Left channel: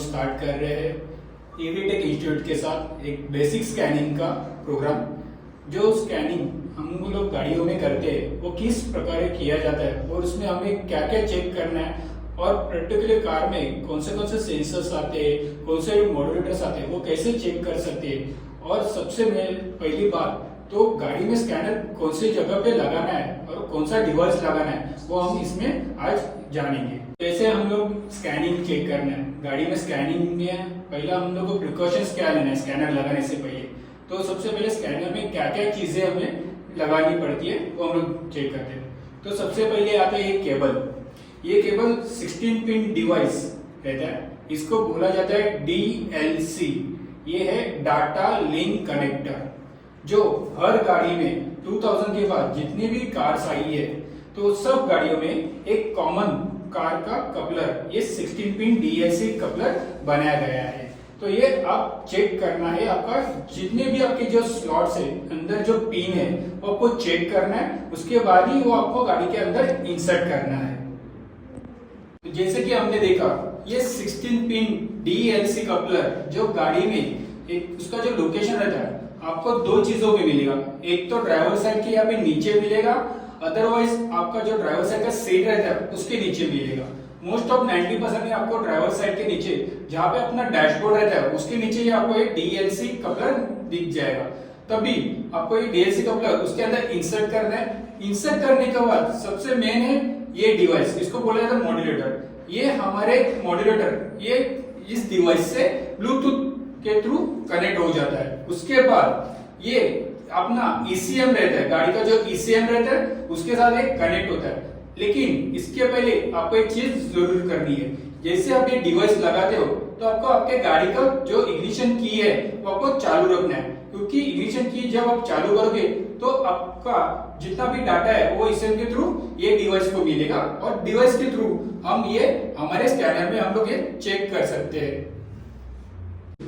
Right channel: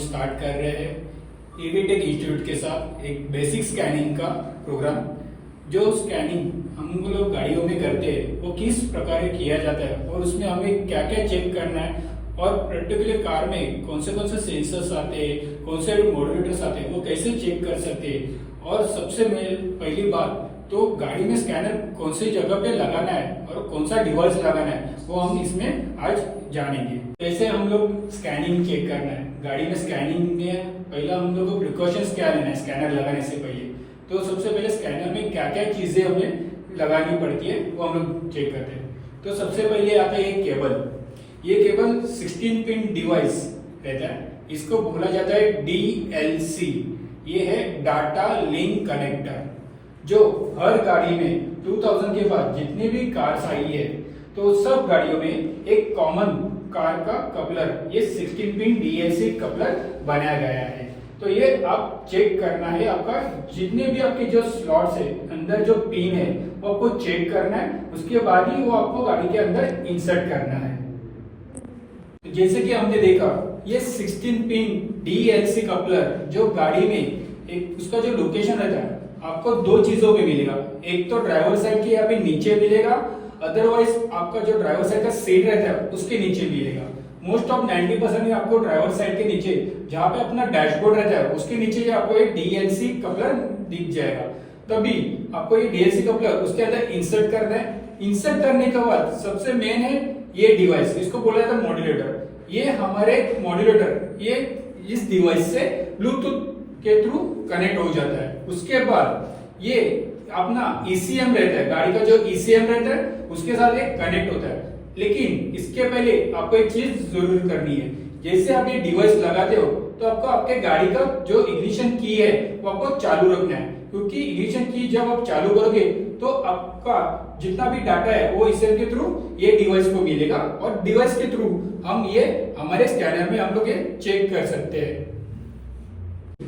Start कर रहे हैं ईवी टेक इंस्टीट्यूट के साथ एक बेसिक स्कैनिंग का प्रोग्राम। जो स्कैनिंग हम लोग गाड़ियों में करते हैं वो किस प्रकार किया जाता है और उसमें हमें क्या क्या चेक करना है और पर्टिकुलर कार में कौन से सेंसर्स आते हैं, कौन से मॉड्यूलेटर्स आते हैं, वो कैसे चेक कर सकते हैं। और सबसे पहली बात तो गाड़ी में स्कैनर कौन सी जगह पे लगाना है और कौन सा डिवाइस लगाना है वो हम इसमें आज जानेंगे। जैसे हम लोग स्कैनिंग चेक करना है गाड़ी में, स्कैनिंग में पहला हम लोग को प्रिकॉशंस क्या लेना है स्कैनर लगाने से पहले। तो सबसे पहले स्कैनर में क्या क्या चीजें हमें लगानी पड़ती है वो हम लोग चेक करते हैं। तो सबसे पहले आता है ये केबल। ये केबल 16 पिन डिवाइस रहता है, इसको बोला जाता है DLC। ये है डाटा लिंक कनेक्टर, जो हर गाड़ी में 2000 के बाद जितनी भी कार्स आई है तो सब गाड़ियों में एक कॉमन कार का कपलर, ये 16 पिन DLC कपलर बनाया गया है। तो ये आप चेक करना है, आपका जितने भी आपके जो स्लॉट्स है अंदर जो पिन है वो आपको चेक करना है, उसके बाद ही वो आपको गाड़ी के अंदर इंसर्ट करना है। तो जैसे कि हमने देखा ये 16 पिन DLC कपलर जो गाड़ी में एक उसका जो लोकेशन रहता है आपको दो चीजों में मिलेगा। एक तो ड्राइवर साइड के यहाँ पे नीचे मिलेगा, अदरवाइज आपका जो ड्राइवर साइड का सीट रहता है उसके नीचे मिलेगा। मोस्ट ऑफ 90% में आपको ड्राइवर साइड के नीचे जहाँ पे अपना डैशबोर्ड रहता है उसके नीचे आपको ये DLC कपलर दिख जाएगा। तभी आपको ये DLC कपलर उसके अंदर इंसर्ट करना है। इंसर्ट करने के बाद सबसे मेन है ये डिवाइस, इसको बोला जाता है मॉड्यूलेटर। ये हमारे मॉड्यूलेटर ये इस डिवाइस से ब्लूटूथ के थ्रू कनेक्ट हो जाता है। उसके बाद ये अपना ECM रहता है, गाड़ी का जो ECM रहता है उसके साथ एक कनेक्ट होता है। लेकिन इसके पहले आपको एक चीज जरूर करनी है, जैसे आप ये डिवाइस लगाते हो तो आपको आपके गाड़ी का जो इग्निशन की है वो आपको चालू रखना है, क्योंकि इग्निशन की जब आप चालू करोगे तो आपका जितना भी डाटा है वो ECM के थ्रू ये डिवाइस को मिलेगा और डिवाइस के थ्रू हम ये हमारे स्कैनर में हम लोग ये चेक कर सकते हैं।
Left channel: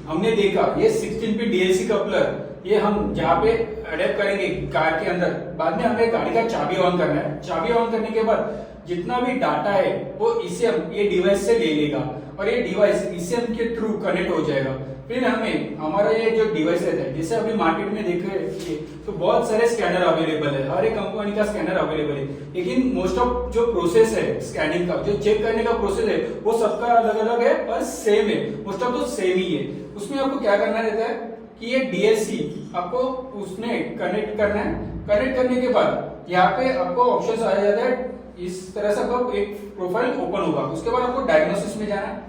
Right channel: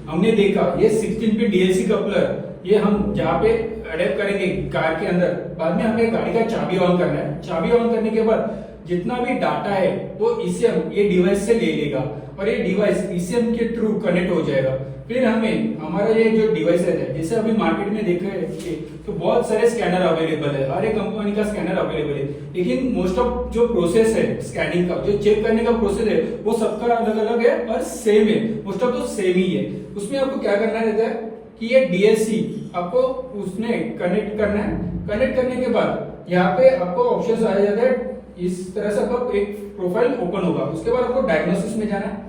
हमने देखा ये 16 पिन DLC कपलर ये हम जहाँ पे अडैप्ट करेंगे कार के अंदर, बाद में हमें गाड़ी का चाबी ऑन करना है। चाबी ऑन करने के बाद जितना भी डाटा है वो ECM ये डिवाइस से ले लेगा और ये डिवाइस ECM के थ्रू कनेक्ट हो जाएगा। फिर हमें हमारा ये जो डिवाइस रहता है, जैसे अभी मार्केट में देख रहे हैं तो बहुत सारे स्कैनर अवेलेबल है, हर एक कंपनी का स्कैनर अवेलेबल है। लेकिन मोस्ट ऑफ जो प्रोसेस है स्कैनिंग का, जो चेक करने का प्रोसेस है वो सबका अलग अलग है और सेम है, मोस्ट ऑफ तो सेम ही है। उसमें आपको क्या करना रहता है कि ये DLC आपको उसमें कनेक्ट करना है। कनेक्ट करने के बाद यहाँ पे आपको ऑप्शन आ जाता है, इस तरह से आपका एक प्रोफाइल ओपन होगा। उसके बाद आपको डायग्नोसिस में जाना है।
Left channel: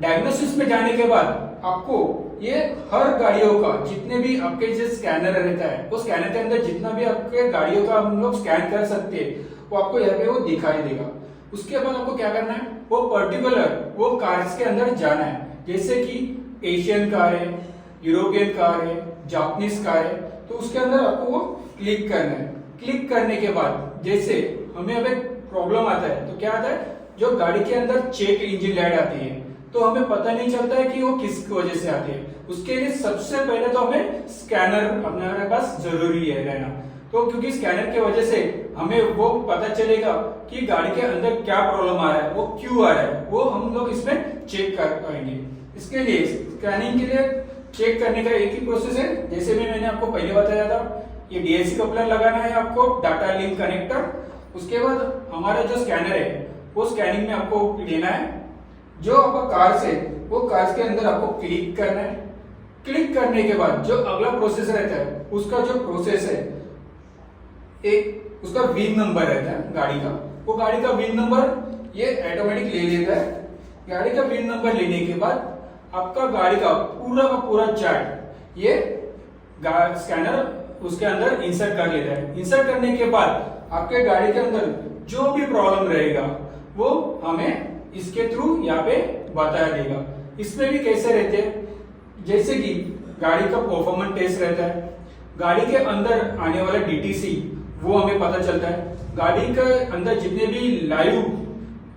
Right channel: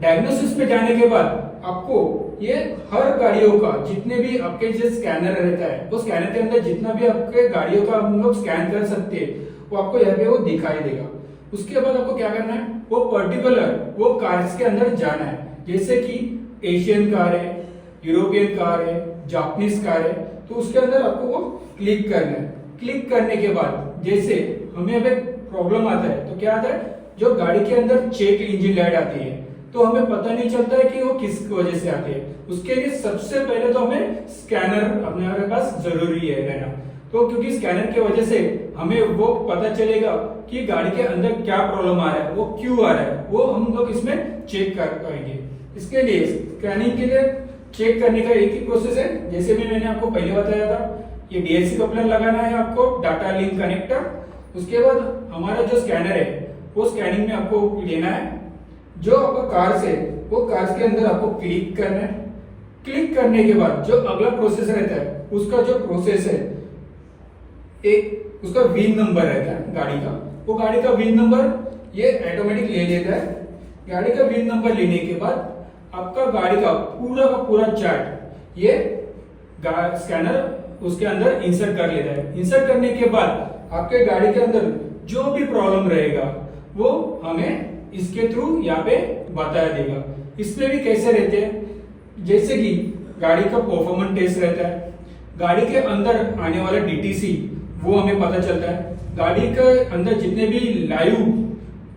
डायग्नोसिस में जाने के बाद आपको ये हर गाड़ियों का जितने भी आपके जो स्कैनर रहता है वो स्कैनर के अंदर जितना भी आपके गाड़ियों का हम लोग स्कैन कर सकते हैं वो आपको यहाँ पे वो दिखाई देगा। उसके बाद आपको क्या करना है, वो पर्टिकुलर वो कार्स के अंदर जाना है। जैसे कि एशियन कार है, यूरोपियन कार है, जापानीज कार है, तो उसके अंदर आपको वो क्लिक करना है। क्लिक करने के बाद जैसे हमें अब एक प्रॉब्लम आता है तो क्या आता है, जो गाड़ी के अंदर चेक इंजन लाइट आती है तो हमें पता नहीं चलता है कि वो किस वजह से आते हैं। उसके लिए सबसे पहले तो हमें स्कैनर हमारे पास जरूरी है रहना। तो क्योंकि स्कैनर की वजह से हमें वो पता चलेगा कि गाड़ी के अंदर क्या प्रॉब्लम आ रहा है, वो क्यों आ रहा है, वो हम लोग इसमें चेक कर पाएंगे। इसके लिए स्कैनिंग के लिए चेक करने का एक ही प्रोसेस है, जैसे मैंने आपको पहले बताया था। ये DLC कपलर लगाना है आपको, डाटा लिंक कनेक्टर। उसके बाद हमारा जो स्कैनर है वो स्कैनिंग में आपको लेना है। जो आपका कार्स है वो कार्स के अंदर आपको क्लिक करना है। क्लिक करने के बाद जो अगला प्रोसेस रहता है उसका जो प्रोसेस है, एक उसका VIN नंबर रहता है गाड़ी का, वो गाड़ी का VIN नंबर ये ऑटोमेटिक ले लेता है। गाड़ी का VIN नंबर लेने के बाद आपका गाड़ी का पूरा चार्ट ये स्कैनर उसके अंदर इंसर्ट कर लेता है। इंसर्ट करने के बाद आपके गाड़ी के अंदर जो भी प्रॉब्लम रहेगा वो हमें इसके थ्रू यहाँ पे बताया देगा। इसमें भी कैसे रहते हैं, जैसे कि गाड़ी का परफॉर्मेंस टेस्ट रहता है, गाड़ी के अंदर आने वाला DTC वो हमें पता चलता है, गाड़ी के अंदर जितने भी लाइव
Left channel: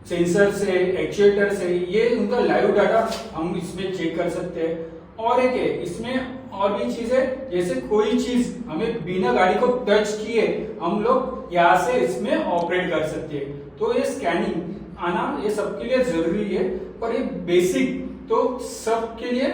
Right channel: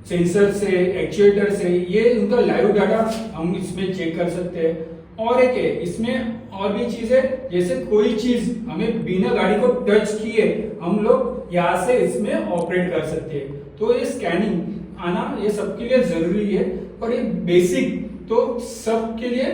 सेंसर से एक्चुएटर से ये उनका लाइव डाटा हम इसमें चेक कर सकते हैं। और एक है इसमें और भी चीज है, जैसे कोई चीज हमें बिना गाड़ी को टच किए हम लोग यहाँ से इसमें ऑपरेट कर सकते हैं। तो ये स्कैनिंग आना ये सबके लिए जरूरी है, पर ये बेसिक तो सबके लिए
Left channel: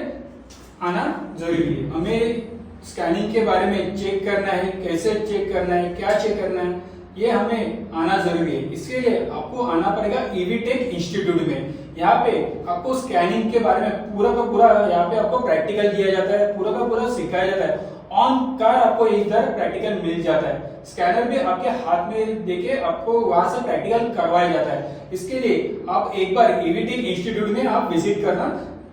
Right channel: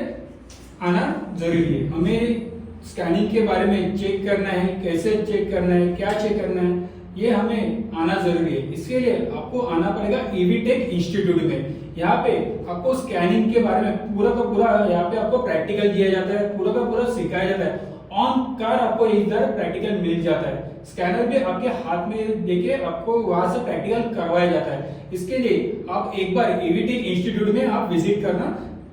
आना जरूरी है। हमें स्कैनिंग के बारे में चेक करना है, कैसे चेक करना है, क्या चेक करना है, ये हमें आना जरूरी है। इसके लिए आपको आना पड़ेगा ईवीटेक इंस्टीट्यूट में। यहाँ पे आपको स्कैनिंग के बारे में पूरा का पूरा यहाँ पे आपको प्रैक्टिकल दिया जाता है, पूरा का पूरा सिखाया जाता है। ऑन कार आपको इधर प्रैक्टिकल मिल जाता है। स्कैनर भी आपके हाथ में देके आपको वहां से प्रैक्टिकल करवाया जाता है। इसके लिए आप एक बार ईवीटेक इंस्टीट्यूट में आप विजिट करना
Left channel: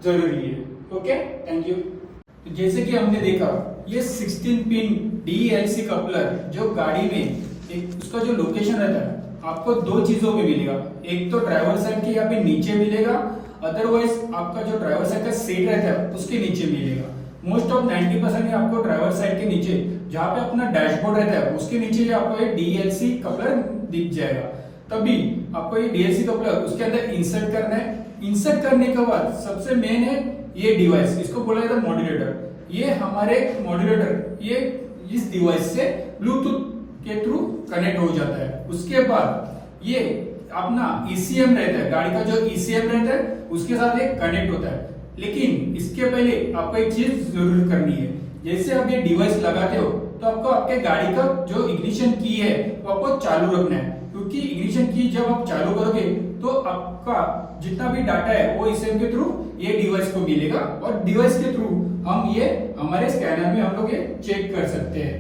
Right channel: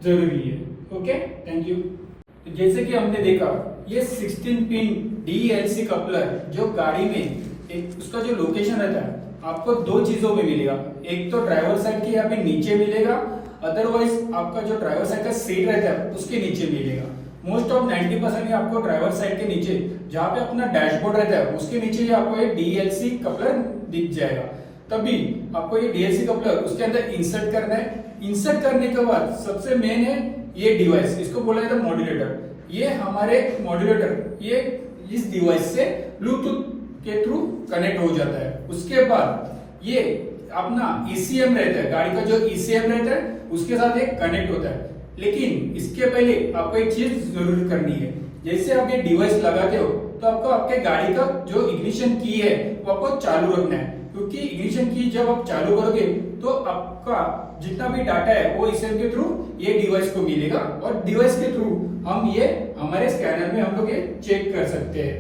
जरूरी है। Okay, thank you. तो जैसे कि हमने देखा, ये 16 पिन DLC कपलर जो गाड़ी में एक उसका जो लोकेशन रहता है आपको दो चीजों में मिलेगा। एक तो ड्राइवर साइड के यहाँ पे नीचे मिलेगा, अदरवाइज आपका जो ड्राइवर साइड का सीट रहता है उसके नीचे मिलेगा। मोस्ट ऑफ 90% आपको ड्राइवर साइड के नीचे जहाँ पे अपना डैशबोर्ड रहता है उसके नीचे ही आपको ये DLC कपलर दिख जाएगा। तभी आपको ये DLC कपलर उसके अंदर इंसर्ट करना है। इंसर्ट करने के बाद सबसे मेन है ये डिवाइस, इसको बोला जाता है मॉड्यूलेटर। ये हमारे मॉड्यूलेटर ये इस डिवाइस से ब्लूटूथ के थ्रू कनेक्ट हो जाता है। उसके बाद ये अपना ECM रहता है, गाड़ी का जो ECM रहता है उसके साथ ये कनेक्ट होता है। लेकिन इसके पहले आपको एक चीज जरूर करनी है। जैसे आप ये डिवाइस लगाते हो तो आपको आपके गाड़ी का जो इग्निशन की है वो आपको चालू रखना है, क्योंकि इग्निशन की जब आप चालू करोगे तो आपका जितना भी डाटा है वो ECM के थ्रू ये डिवाइस को मिलेगा और डिवाइस के थ्रू हम ये हमारे स्कैनर में हम लोग ये चेक कर सकते हैं।